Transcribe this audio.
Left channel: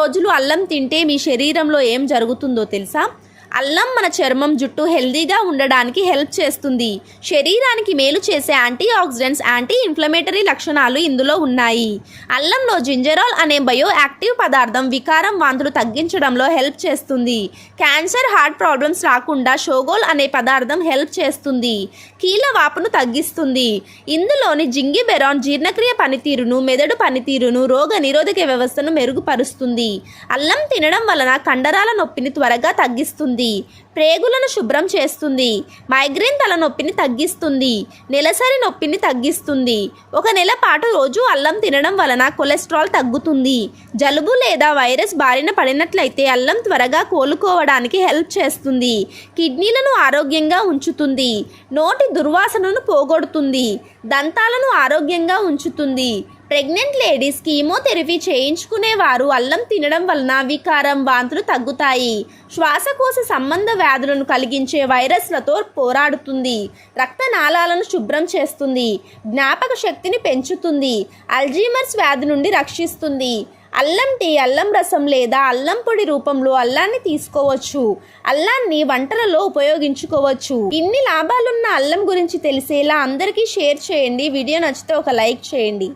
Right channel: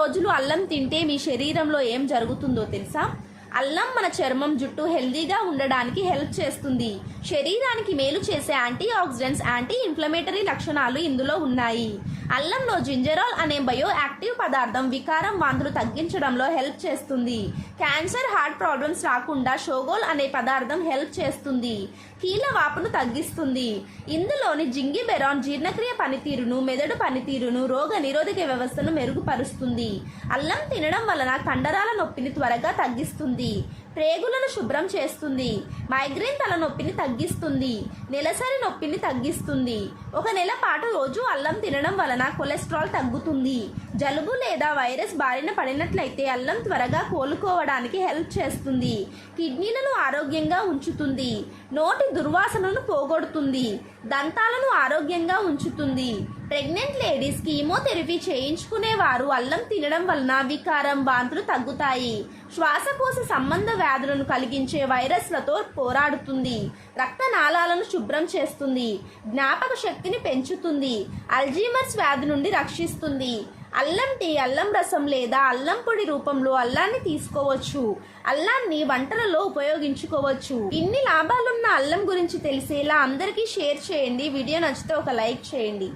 రోజులు అల్లం తింటే మీ శరీరంలో ఏం జరుగుతుందో తెలుసా? అల్లం మన చర్మం, జుట్టు హెల్దీగా ఉండడానికి హెల్ప్ చేస్తుంది. శరీరానికి మేలు చేసే యాంటీ ఆక్సిడెంట్స్, యాంటీ ఇన్ఫ్లమేటరీ లక్షణాలు ఇందులో ఉన్నాయి. అల్లంలో జింజరాల్ అనే బయో యాక్టివ్ పదార్థం వికారం, వాంతులు తగ్గించడంలో హెల్ప్ చేస్తుంది. క్యాన్సర్, హార్ట్ ప్రాబ్లమ్స్ రాకుండా షోగోల్ అనే పదార్థం హెల్ప్ చేస్తుంది. కీళ్ళ వాపును తగ్గిస్తుంది. ఇందులోని జింగిబెరాన్ జీర్ణక్రియ పనితీరును, మెదడు పనితీరును, రోగ నిరోధక వ్యవస్థను మెరుగుపరుస్తుంది. అల్లం తినడం వలన కండరాల నొప్పిని త్వరగా తగ్గిస్తుంది. ప్రేగులను శుభ్రం చేస్తుంది. మైగ్రేన్ తలనొప్పిని తగ్గిస్తుంది. నెలసరి నొప్పిని తగ్గిస్తుంది. 1 నెల పాటు రోజు అల్లం తినడం వలన కొలెస్ట్రాల్ తగ్గుతుంది. జలుబు లేదా వైరస్ బారిన పడినట్లయితే అల్లం త్వరగా కోలుకోవడానికి హెల్ప్ చేస్తుంది. కిడ్నీలను ఆరోగ్యంగా ఉంచుతుంది. నోటి దుర్వాసనను పోగొడుతుంది. దంతాలను ఆరోగ్యంగా ఉంచుతుంది. ప్రెగ్నెంట్ లేడీస్, కీమోథెరపీ చేయించుకునేవారు అల్లం తినడం వలన వికారం, వాంతులు తగ్గుతాయి. శ్వాసకోశ సంబంధ వ్యాధులను కలిగించే వైరస్లతో పోరాడుతుంది. రక్తనాళాలను శుభ్రం చేస్తుంది. జ్ఞాపక శక్తిని పెంచుతుంది. అల్జీమర్స్ వ్యాధి నుండి రక్షిస్తుంది. అల్లం టీ, అల్లం రసం లేదా అల్లం పొడి రూపంలో అల్లాన్ని తీసుకోవచ్చు. అల్లాన్ని వంటలలో ఉపయోగించుకోవచ్చు. ఇన్ని లాభాలున్న అల్లం గురించి తెలిసేలా అందరికీ షేర్ చేయండి. వీడియో నచ్చితే ఒక లైక్ చేయండి.